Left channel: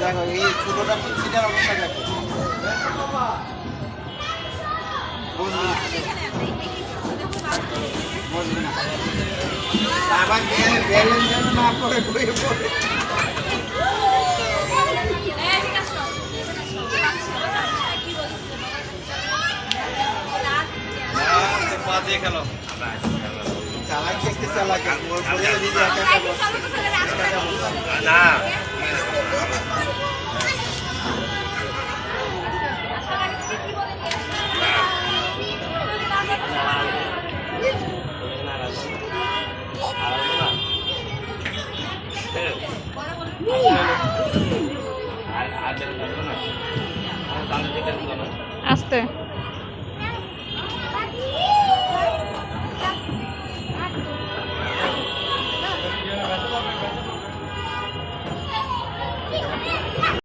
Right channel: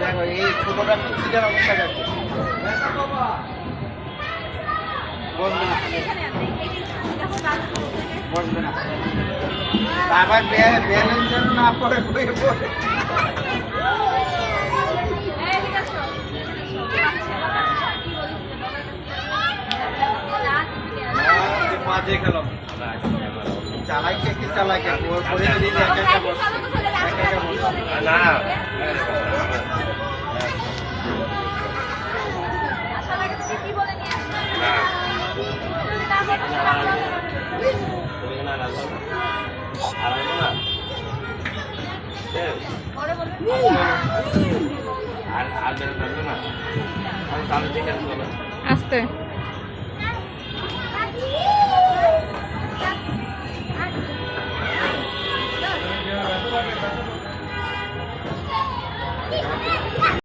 দেখো এই ছোটটা সিটার অবস্থা দেখো বসবে না বসবে না আবার ব্যালেন্স যেন না পড়ে বইয়ে পড়ে চালাই দেখতে চালাই না আস্তে